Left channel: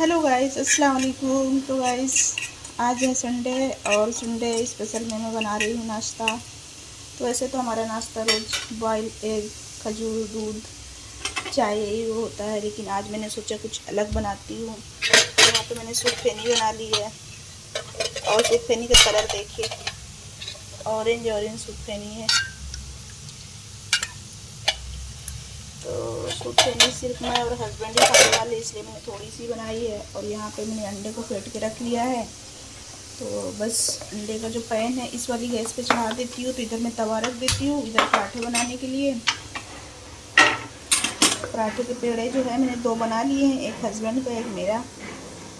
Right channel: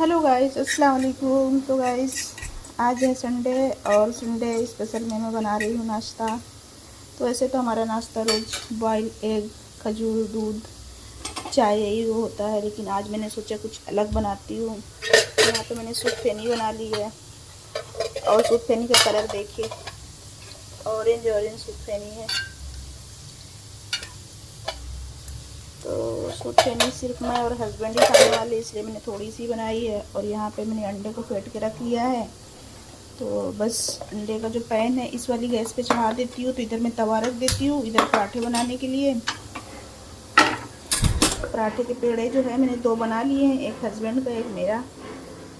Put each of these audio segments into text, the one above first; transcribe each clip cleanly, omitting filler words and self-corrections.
Hello guys, अस्सलाम वालेकुम। तो गाइस आज है संडे और संडे स्पेशल में मैं बना रही हूँ नाश्ता। तो वैसे तो हमारा नाश्ता रोज़ बॉयल एग, खजूर, दूध, चाय यही वो होता है, लेकिन आज मैंने सोचा कुछ अलग बनाती हूँ। तो यहाँ पे मैंने सूप फेनी बना ली है और सूप फेनी का कलर देखिए, ऑरेंज ऑरेंज सूप फेनी है। तो सूप फेनी सिर्फ मैं और हस्बैंड ही खाने वाले, इसलिए मैंने थोड़ी सी बनाई है। और यहाँ पे मैंने अंडे को फेंट के रख लिया है। तो बस अंडे का जो पैन है इस वाली गैस पे चढ़ा देती हूँ। तो इधर मैं तवा रख देती हूँ, इधर पराठे बनाने के लिए। पराठे के पेड़े जो है मैंने 2 बना लिए हैं, एक हस्बैंड का एक मेरा।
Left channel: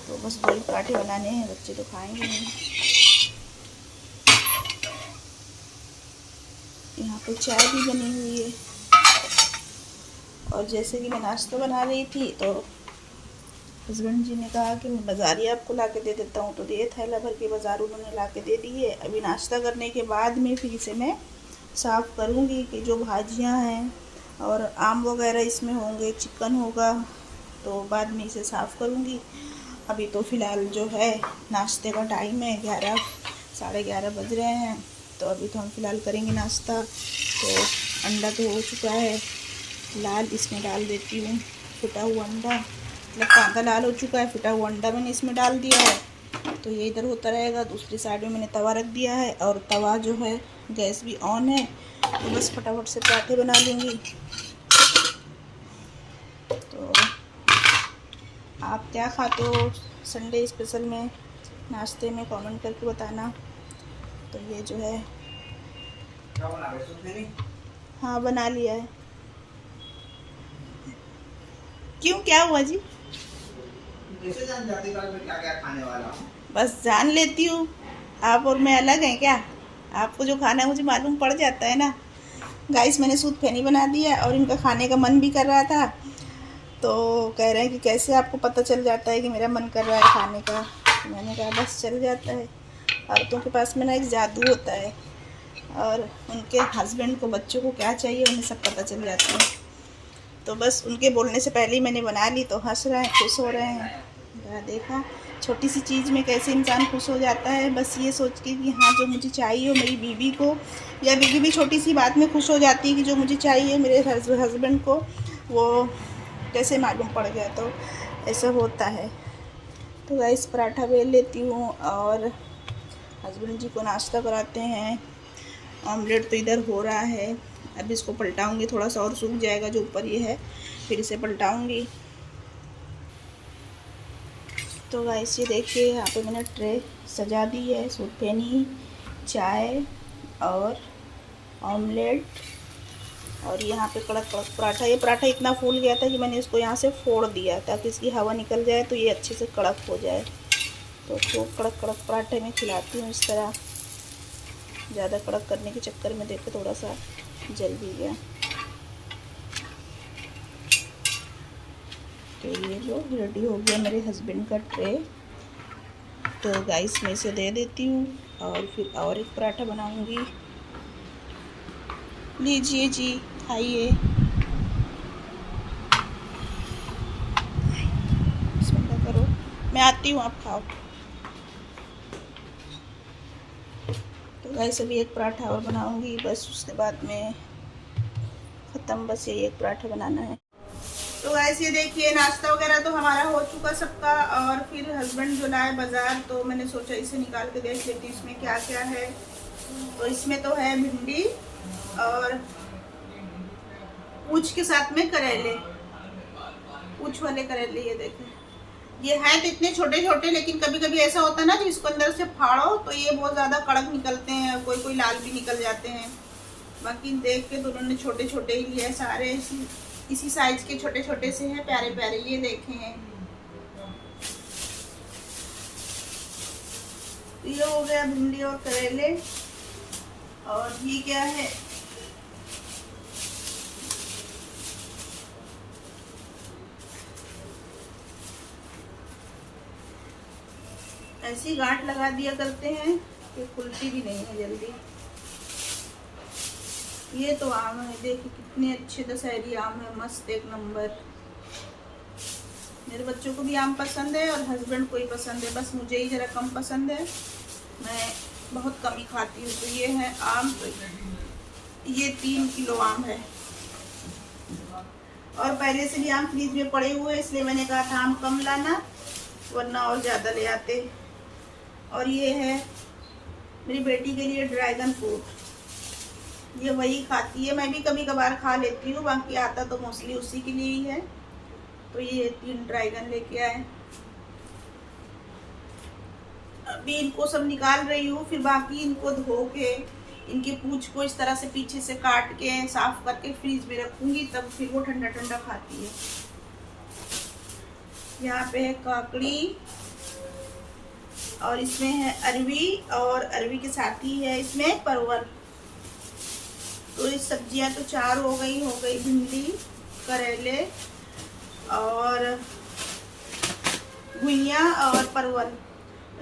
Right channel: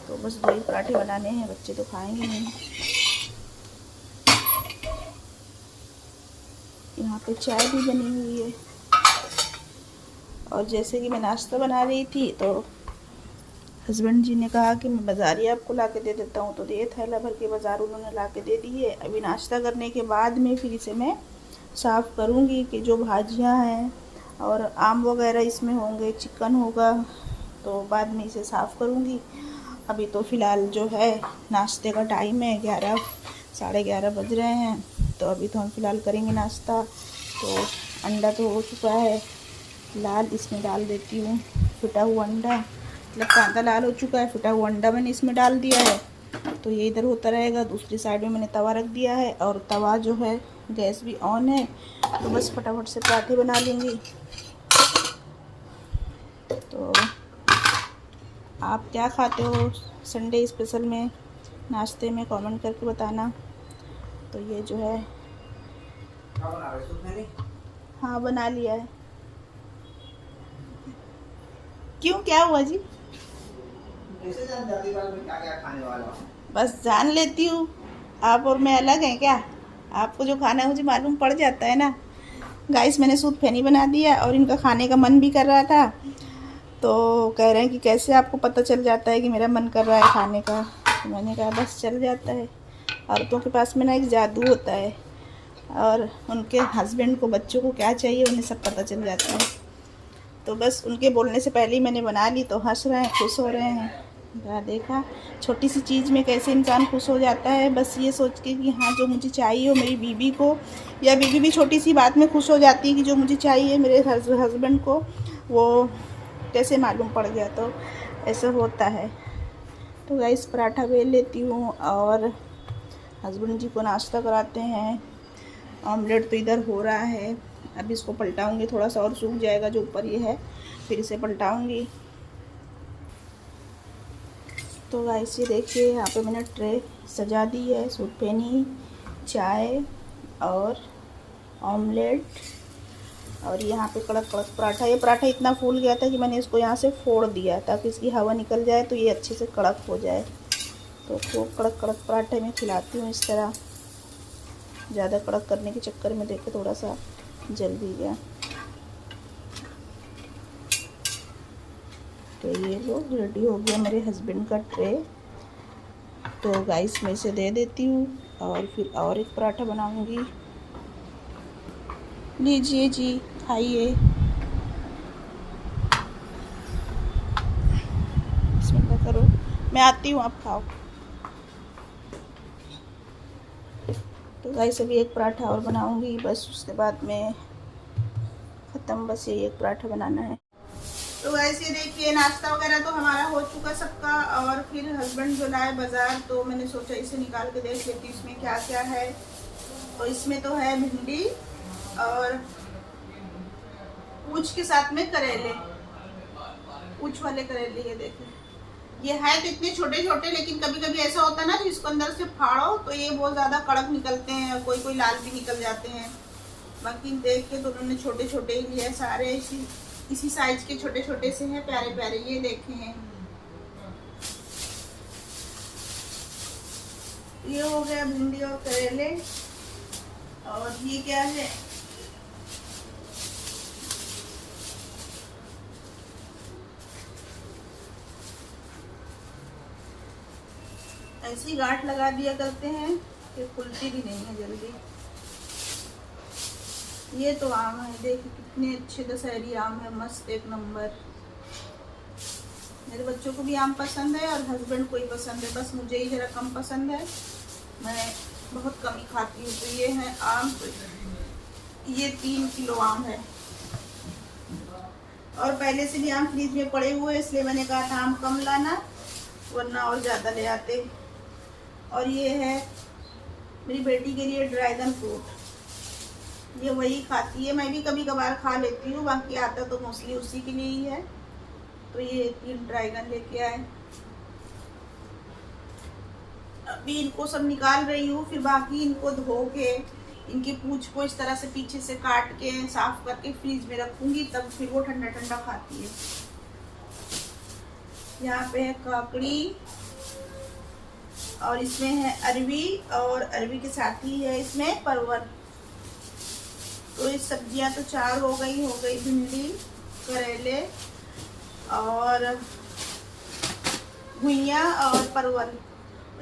तो बस 2 ही पराठे बनाने हैं, बच्चे तो खाएंगे नहीं। यहाँ पे चाय भी बनी हुई है। और जैसे कि मैं नाश्ता बना रही थी तो हस्बैंड जी ने कहा कि मैं बाज़ारी आपको ला के दे देता हूँ। तो ये थैला भर के बाज़ार उन्होंने ला के दे दी है। अभी नाश्ता करने के बाद में फिर इसे मैं साफ़ करूँगी कि जो भाजियाँ हैं और आम वगैरह इसमें होंगे, चिकन होगा, तो बाद में इसे साफ़ करूँगी। अभी तो फ़िलहाल जो है नाश्ते का टाइम है, 11 साढ़े 11 बज रहे हैं। तो अभी तो हम फ़िलहाल करेंगे नाश्ता। तो अंडा तो हो चुका है लाल, इसमें डाल देती हूँ फटा हुआ अंडा। मतलब कांदा लाल हो चुका है, फटा हुआ अंडा मैंने इसमें डाल दिया है। तो ये इधर होता रहेगा। दूसरी साइड में मैंने तवा रख दिया है और तवा जो है गैस भी ऑन है। तो बस फटाफट से पराठे बना लूँगी। तो आप क्या खाते हो संडे स्पेशल में नाश्ते में, कमेंट करके बताना। तो ये जो है हाँ बना लिया है। क्यों, क्या हुआ जी? कैसे जान जाती मैं क्या क्या खाने वाला हूँ? बस जान लेती हूँ। आप और मैं अलग हैं क्या? आपको जो खाना है मुझे मालूम पड़ जाता है ना। गाइस मैंने सूप फेनी बना दिया और इनका खाने का मन भी कर रहा था। तो कह रहे हैं कि कैसे आपको पता चल जाता है कि मेरा मन कर रहा है खाने का। तो मैंने कहा बस चल जाता है। औरतों के पास में ना एक जादू होता है, और उनके हस्बैंड को, बच्चों को क्या चाहिए उन्हें सब पता चल जाता है। तो बस उनके बोलने से पहले ही मैंने बना ली। तो हंस रहे हैं, खुश हो रहे हैं। देखा छोटी सी चीज़ में कैसे इंसान खुश हो जाता है, बस ये सोच के कि हाँ जो मुझे चाहिए हो मेरी बीवी को, या बीवी भी छोटी सी बात में खुश हो जाती है कि जो मुझे चाहिए मेरे हस्बैंड को वो कैसे मालूम पड़ गया। तो ऐसा होता है। तो गाइस पराठा बेल लेती हूँ और हस्बैंड जी को नाश्ता कराते हैं। ऑमलेट तो इधर हो रहा है, अब इसको पलटाऊंगी, थोड़ा सा और सूख जाएगा जो ऊपर ये है, फिर इसे पलटाऊंगी। तो गाइस ये देखिए यहाँ पे मैंने ट्रे सजा दी है, सूप फेनी, चाय और ऑमलेट। और यहाँ पे कड़क कड़क पराठा। ये पराठा इतना फूल गया था कि मैंने इसको यहाँ से फोड़ दिया ताकि इसकी हवा निकल जाए तो ये अच्छे से कड़क हो जाए। तो खूब कड़क कड़क पराठे में खिलाती हूँ इस तरह। ज़्यादा कड़क करने के चक्कर में देखो थोड़ा सा जल भी गया। तो ये जो रेडी हो गया मेरे हस्बैंड का ट्रे। तो गाइस मैं इसे दे देती हूँ और फिर और एक पराठा बनाऊंगी। लीजिए जी, खाइए। बिस्मिल्लाह करो, मैं आती हूँ, आप खाओ। तो गाइस अभी एक पराठा और बनाऊंगी, बस उसके बाद में ख़त्म। बस ये एक पराठा बनाना है। तो गाइस ये देखिए नाश्ता वगैरह तो हमारा हो चुका सबका। और फिर हस्बैंड जो लाए बाज़ार, तो मैंने सोचा इसे निकाल के देख लेती इसमें क्या क्या है। तो इसमें तो है भिंडी और पूंछ के साथ में करेले, पूंछ वाले करेले। ये देखें, ये है तो इतने छोटे छोटे, लेकिन कभी कभी ऐसा होता है ना कि इसको अंदर से फाड़ो तो ये बहुत ज़्यादा कड़क निकलते हैं और कोई कोई लाल भी निकल जाते हैं। बाकी देख के तो उन्होंने छोटे छोटे ही लिए, सारे इसी साइज के छोटे छोटे से हैं, प्यारे प्यारे। ये देखें, ये हो गया भिंडी और करेले। और ये क्या है, ऐसी गांठ लगा दिया करते हैं कि खुलती भी नहीं है जल्दी। ये तो आम है, देखिए कितने अच्छे दशहरी आम है, मस्त एक नंबर। मेरे बच्चों को भी आम पसंद है और हस्बैंड को ही पसंद है, बस मुझे ही ज़रा कम पसंद है, मैं बहुत कम ही खाती हूँ। तो ये है आम, तो ये 3 किलो आम है और पहले से भी आम फ्रिज में पड़े हुए हैं, इसलिए मैंने कहा था आम कम लाना वरना और ज़्यादा ले आते। और ये है मेरी बेटी के लिए ड्रैगन फ्रूट, ये वही खाती है, मैं भी कभी कभार खा लेती हूँ, बाकी आता तो मोस्टली उसी के लिए ही है। तो ये 3 ड्रैगन लेके आए, अभी इनको सब निकाल रही हूँ, फिर बाकी इनको धो के इनके पूंछ को इस तरह से पीछे से काट के साफ करके फ्रीज में रखूंगी, तब फिर वो ठंडा ठंडा खाती है। यहाँ पे है काकड़ी और इसमें है अरवी, और अरवी के साथ ही है इसमें परवल। तो ये सब्जियां तो 4 हो गई भिंडी, करेले और घुइयाँ और परवल।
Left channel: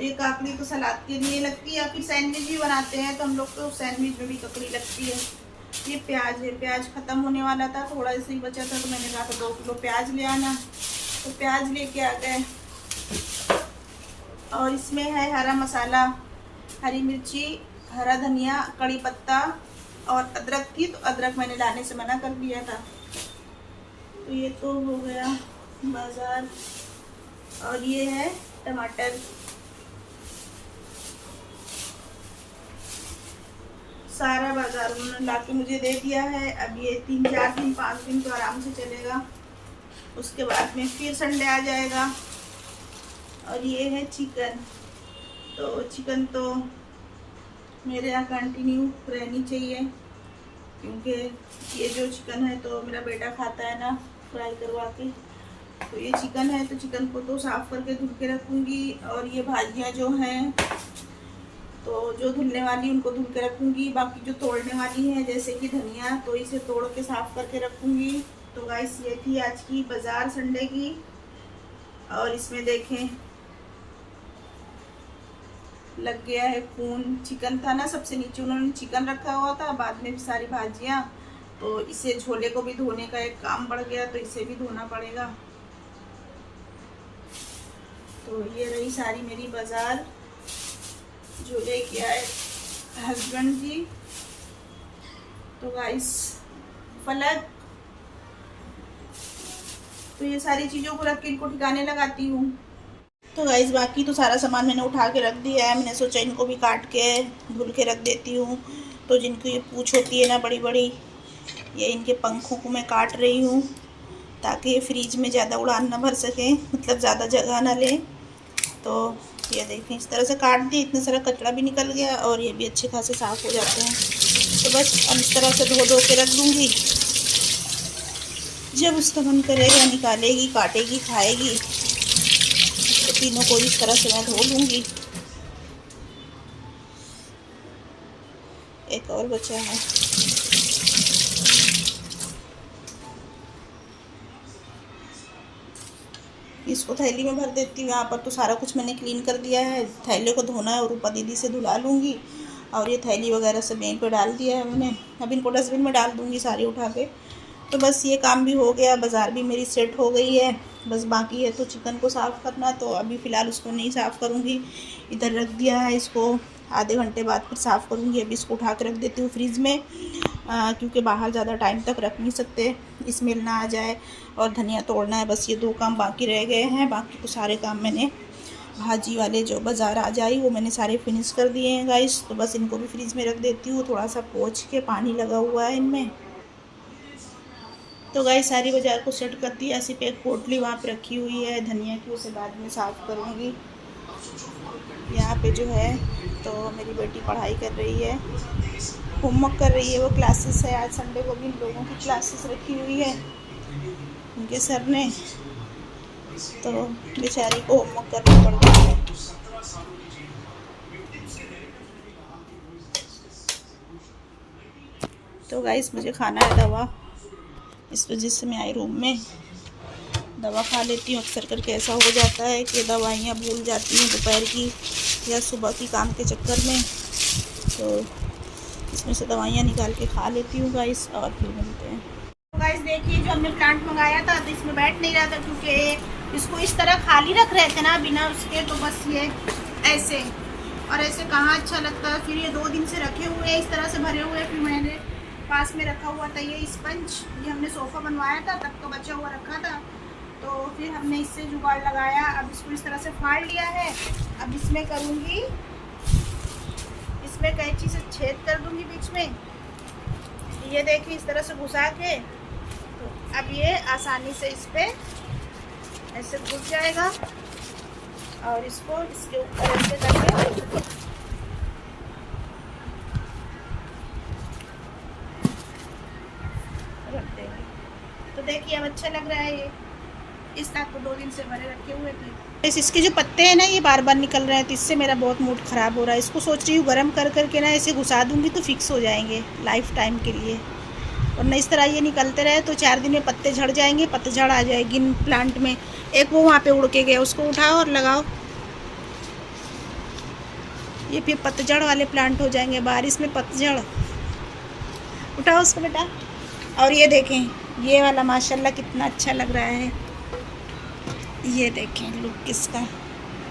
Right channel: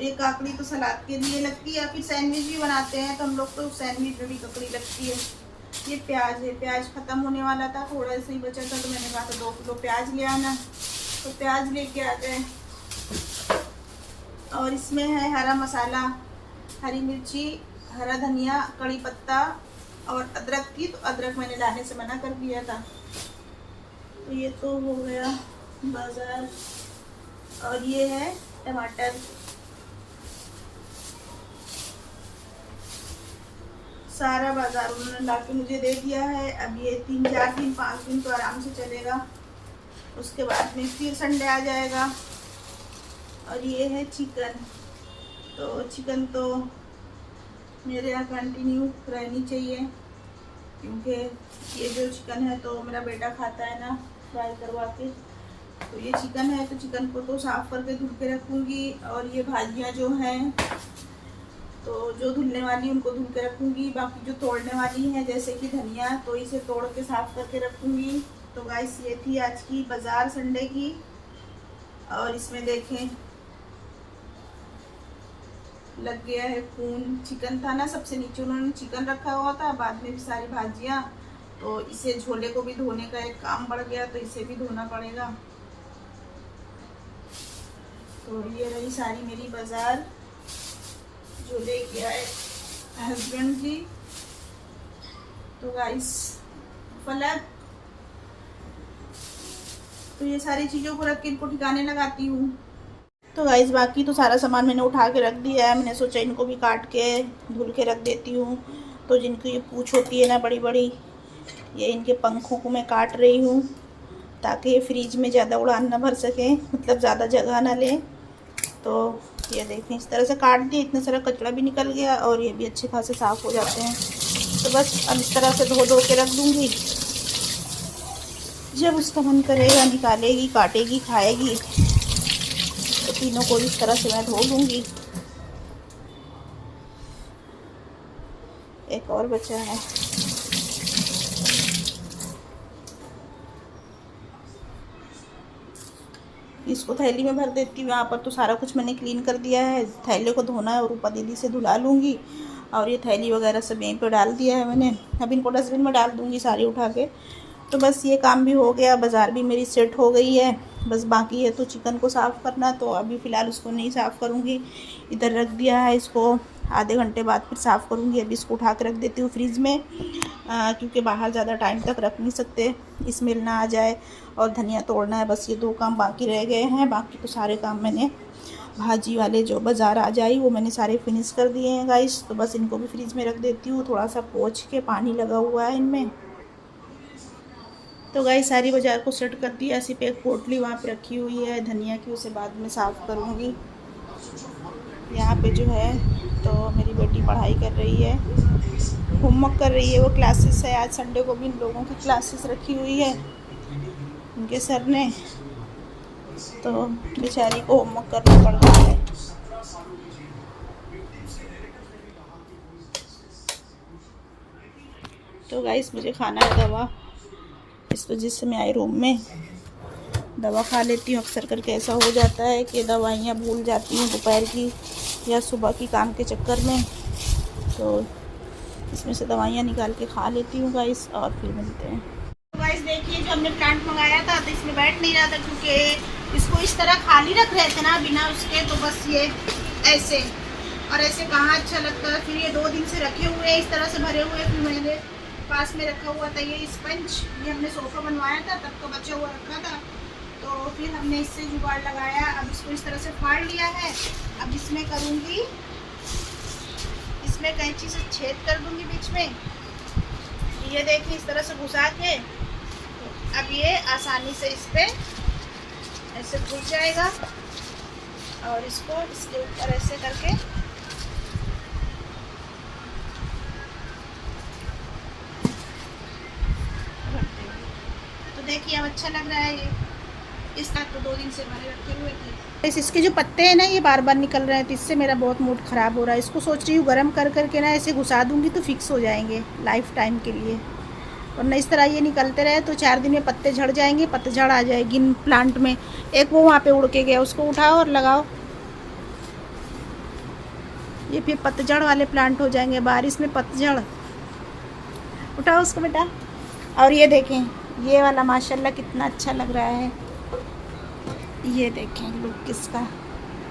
ये काकड़ी तो सलाद के लिए लगती है, या फिर सैंडविच भी बनाते हैं तो हम लोग तो सैंडविच में भी ककड़ी लगती है। ये प्याज है, प्याज ख़त्म होने वाला था, थोड़ा ऐसे ही बचा था तो मैंने कहा था 2 किलो प्याज ले आना, तो प्याज लेके आ गए। और इसमें है हरा मसाला, हरी मिर्ची, हरा धनिया, कड़ी पत्ता और अदरक थी, तो अदरक मैंने लाने से मना कर दिया था। तो ये तो हो गया बाज़ार। और ये है टमाटर, सारा बाजार उन्होंने ला के मुझे दे दिया है। अब ये 3-4 दिन 5 दिन तो आराम से चलेगा, उसके बाद में फिर संडे आ जाएगा। और ये है चिकन, तो चिकन तो मेरे यहाँ कंटिन्यू रहनी चाहिए, क्योंकि ये जो चिकन है तो मेरा बेटा खाता है ना फ्राई करवा के। तो ये चिकन है तो चिकन को तो साफ़ करके धुल के रखूँगी। और ये भाजियाँ जो हैं तो जो धुलने वाली उनको धुल के रखूँगी, बाकी जो तोड़ने वाली हैं जैसे कि धनिया, तो इसे तोड़ के साफ़ करके रखूँगी। तो गाइस ये थी आज की बाज़ार संडे की। और इसमें देखें लग गया है खून, चिकन था ना सबसे नीचे उन्होंने चिकन रखा हुआ था, बाद में भी सारी भाजियाँ, तो इसे झोले को भी धोने का एक काम बढ़ गया, तो इसे भी धोना पड़ेगा। तो ये रही सारी मेरी बाज़ार जो लेके आए हस्बैंड जी। तो गाइस फलक, तो ये सारी चीज़ों को रख के इनको ठिकाने लगाती हूँ। तो गाइस बाकी तो सारा सामान मैंने उठा के रख दिया है, मैंने सोचा इनको भी काट के धुल के रख देती हूँ। तो जिनको ये पूँछ होती है ना बड़ी बड़ी, ये इनके पंखों को मैं काट रही हूँ ताकि ये फ्रीज में ज़्यादा उड़ान ना भर सकें, मतलब ज़्यादा जगह ना लें। तो ये देखें इस तरह से काट दिए, इतना सारा कचरा भी निकल गया और ये भी अच्छे खासे साफ़ हो जाते हैं। तो बस इस तरह से धो धो के रख दूँगी, जब उसका मन करेगा निकालेगी, काटेगी, खाएगी, तो तीनों को इस तरह से मैं धो लूँगी। एक और बचा है, इसको थैली में भर देती हूँ। यहाँ पर तो सारा कुछ मैंने क्लीन कर दिया है, थैले को धोना है और रूपा दीदी से धुला लूँगी। और ये थैली वगैरह सब यहीं पे डाल दिया है मैंने, अब इनको डस्टबिन में डाल दूँगी सारी उठा के। तो बस ये काम भी हो गया, बाज़ार भी मेरी सेट हो गई है। बस बाकी है तो चिकन को साफ़ करना, तो अभी फ़िलहाल उसको नहीं साफ़ करूँगी, इधर रख दिया है, इसको आधे घंटे बाद फिर साफ़ करूँगी। अभी इसको उठा के रख देती हूँ फ्रिज में, क्योंकि बाहर ज़्यादा टाइम तक रख नहीं सकते, स्मेल ना आ जाए। और धनिया तोड़ना है, बस ये 2 काम बाकी रह गए हैं, बाकी तो सारे काम मैंने भाजी वाले जो बाज़ार आ जाए वो मैंने सारे फिनिश कर दिए हैं गाइस। तो बस इनको भी फ्रिज में रख देती हूँ, थोड़ा सा पोंछ के, पानी लगा हुआ है इनमें। तो गाइस सारी बाज़ार को सेट कर दिया, सिर्फ एक पोटली वहाँ पे रखी हुई है धनिया की, उसे बाद में साफ़ करूँगी। यहाँ पे जो है तो मेरी बेटी पढ़ाई कर रही है, होमवर्क कर रही है, वो क्लासेस है, आज संडे को भी इन लोगों की क्लासेस रखी हुई है उनके सर ने, तो बेचारी को होमवर्क करना पड़ रहा है। तो गाइस मुझे खाना है दवा, इस वजह से मैं आई रूम में दवा खा लेती हूँ। अक्सर करके ऐसा हो जाता है कि दवाइयाँ भूल जाती हैं दोपहर की या सुबह की काम के चक्कर में, तो इसमें से दवाइयाँ निकाल के खा लेती हूँ गाइस, और फिर मिलते हैं। तो गाइस देखिए जो हमने प्लांट मंगाया था तो इसमें बैठ नहीं रहा था, क्योंकि इसको इस तरह खाली रख रहे थे ना बिना उसके, तो बस ये ऐसे और ऐसे कहाँ अच्छा लगता है। फिर ये 2 दिन से रखे हुए हैं इस तरह से भरे हुए। फिर मैंने पास में रखा हुआ था ये स्पंज, ये हमने सोफ़ा बनवाया था तब तो बचा हुआ रखा था, तो फिर हमने इससे जुगाड़ लगाया। अब इसको इस तरह से फाड़ लिया है। अब इसमें करूँगी, इसमें कैंची से छेद कर दूँगी बीच में, ये देखिए इस तरह से घुसा के। तो अब ये आसानी से इस पर ऐसे घुस जाएगा और इसको इसके ऊपर ऐसे करके तो देखिए अब अच्छा लग रहा है। ये इस टाइप तो 2 दिन से भरे रखे हुए थे। इसके जो पत्ते हैं ना ये बार बार निकल रहे हैं, तो इससे मेरा बहुत मूड ख़राब हो रहा है। इसको सोच रही हूँ गर्म कर करके ना ऐसे घुसा दूँगी तो फिक्स हो जाएंगे लाइफ टाइम के लिए, वरना इस तरह ये निकलते रहे तो 4 दिन में पत्ते झड़ जाएंगे, पतझड़ आ जाएगी इन प्लांट में। एक वो वहाँ पे उड़ के गया, उसको उठाओ और लगाओ, ये फिर पतझड़ वाले प्लांट हो जाएंगे, बारिश में पतझड़। उठाओ उसको बेटा। और ये देखें ये वाला माशाल्लाह कितना अच्छा लग रहा है, ये देखें लुक इसका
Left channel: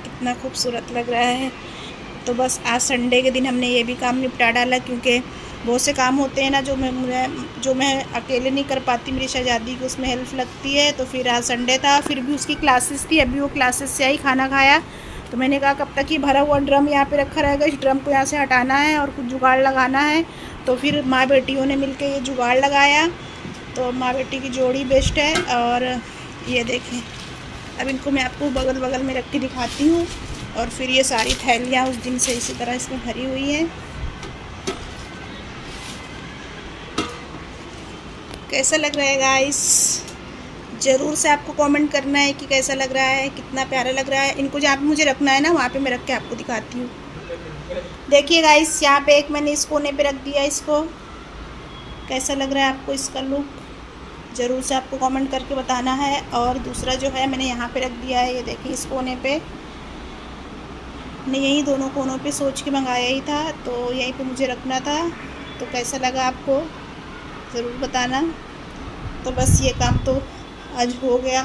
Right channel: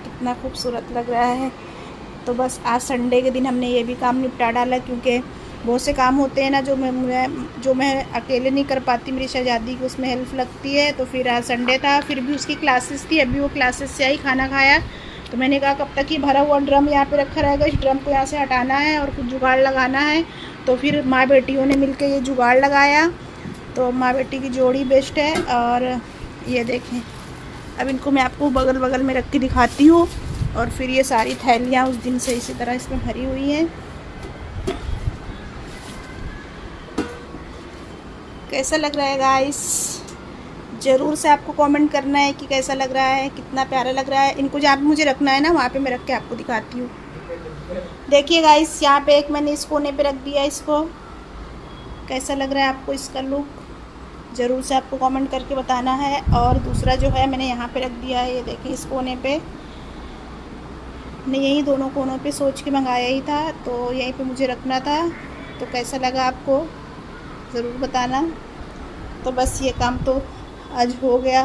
कितना खूबसूरत लग रहा है। तो बस आज संडे के दिन हमने ये भी काम निपटा डाला, क्योंकि बहुत से काम होते हैं ना जो मैं अकेले नहीं कर पाती, मेरी शहजादी को उसमें हेल्प लगती है। तो फिर आज संडे था, फिर भी उसकी क्लासेस थी, अभी वो क्लासेस से आई, खाना खाया। तो मैंने कहा कब तक ये भरा हुआ ड्रम यहाँ पे रखा रहेगा, इस ड्रम को यहाँ से हटाना है और कुछ जुगाड़ लगाना है। तो फिर माँ बेटियों ने मिलकर ये जुगाड़ लगाया, तो माँ बेटी की जोड़ी बेस्ट है। और ये देखें अब इनको मैं आपको बगल बगल में रख के दिखाती हूँ। और फिर ये सारी थैलियाँ उस दिन से इसी तरह इसमें भरी हुई हैं। कैसा लग रहा है गाइस, ज़रूर से आपको कमेंट करना है कि कैसा लग रहा है, कितना प्यारा लग रहा है। इनको जहाँ पे मुझे रखना है ना वहाँ पे मैं रख के आपको दिखाती हूँ। देखिए गाइस यहाँ पे एक मैंने इस कोने पे रख दिया इसको, कैसा लग रहा है आपको इसका लुक, ज़रूर से आपको कमेंट करके बताना है। और दूसरा जो है मैंने यहाँ पे रख दिया है, ये देखिए इस कोने पे, मैं यही दोनों कोनों पे सोच के मंगाया ही था, तो यहीं पे मुझे रखना था। तो कैसा लगा आपको ज़रूर बताना। तो बस ये काम तो आज हो गया,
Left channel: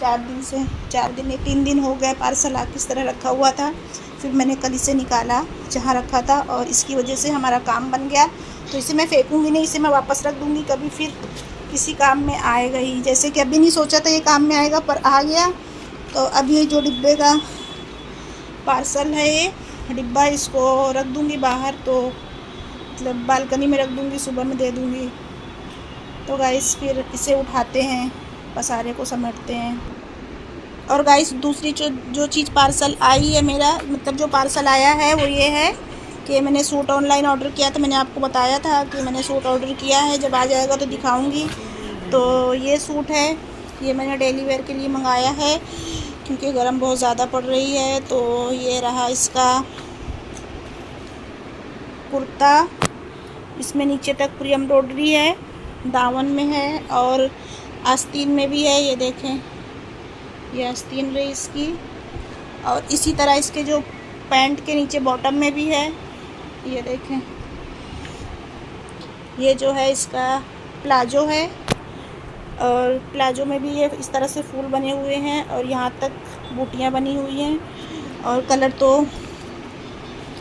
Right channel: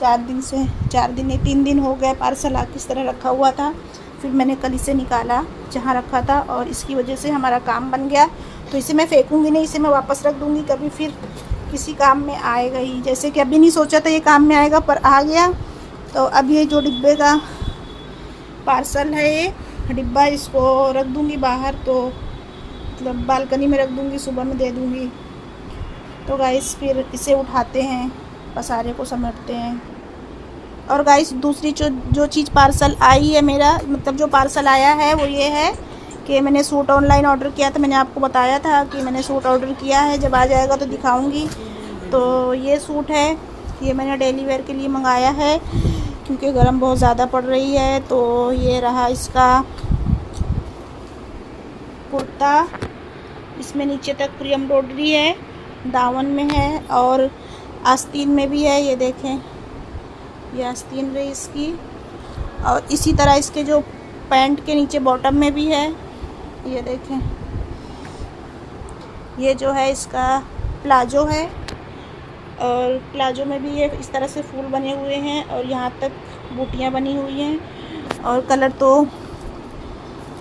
3 दिन हो गए पार्सल आके इस तरह रखा हुआ था। फिर मैंने कल इसे निकाला जहाँ रखा था और इसकी वजह से हमारा काम बन गया। तो इसे मैं फेंकूँगी नहीं, इसे मैं वापस रख दूँगी, कभी फिर किसी काम में आएगा ही। जैसे कि अभी नहीं सोचा था ये काम में आएगा पर आ गया। तो अब ये जो डिब्बे का पार्सल है ये डिब्बा, इसको रख दूँगी बाहर, तो मतलब बालकनी में रख दूँगी, सुबह में दे दूँगी। तो गाइस फिर इसे उठाते हैं, पसारे को समेटते हैं। और गाइस दूसरी जो चीज़ पार्सल आई है मेरा, मतलब जो पार्सल आया है वो ये है कि मैंने सूट ऑनलाइन ऑर्डर किया था। मैंने आपको बताया था कि मैंने सूट ऑर्डर किया है, जब आ जाएगा तो दिखाऊंगी। तो ये सूट है, ये मैंने डेली वेयर के लिए मंगाया है क्योंकि गर्म बहुत ज़्यादा पड़ रही है। तो ये रहा इसका कुर्ता, इसमें नीचे तक पूरी एम्ब्रॉयडरी है, दामन में है और आस्तीन में भी है। ये देखें ये आस्तीन रही इसकी, और इसी तरह इसके जो पैंट के नीचे बॉटम में भी है। ये देखें ये जो है इसका प्लाजो है, और प्लाजो में भी ये इस तरह से फूल बने हुए हैं और यहाँ तक बूटियाँ बनी हुई हैं। और कलर तो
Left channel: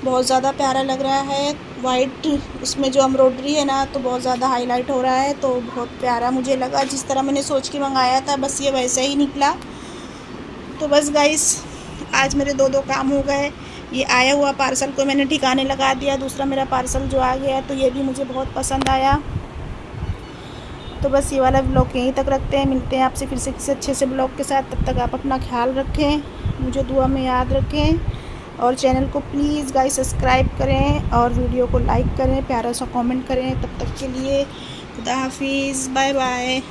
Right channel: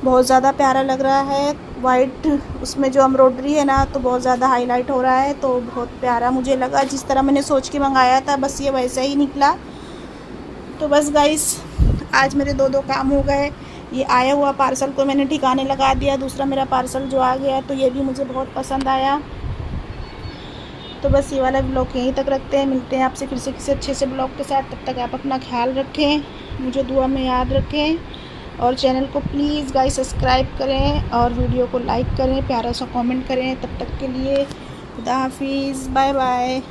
बहुत ज़्यादा प्यारा लग रहा है, वाइट उसमें जो एम्ब्रॉयडरी है ना तो बहुत ज़्यादा हाईलाइट हो रहा है। तो बहुत प्यारा मुझे लगा, जिस तरह मैंने सोच के मंगाया था बस ये वैसा ही निकला। तो बस गाइस आज मेरे 2 काम हो गए। ये आया हुआ पार्सल को मैंने ठिकाने लगा दिया, दूसरा मेरा पार्सल जो आ गया तो ये भी मुझे बहुत पसंद आया। तो बस ये वाला ब्लॉग यहीं तक रखते हैं, मिलते हैं आपसे फिर से किसी अच्छे से ब्लॉग के साथ। तब तक आप अपना ख्याल रखें, मुझे दुआ में याद रखें और चैनल को प्लीज़ गाइस सब्सक्राइब करें और वीडियो को लाइक करें, प्यारा सा कमेंट करें। तब तक के लिए खुदा हाफिज़, बाय बाय।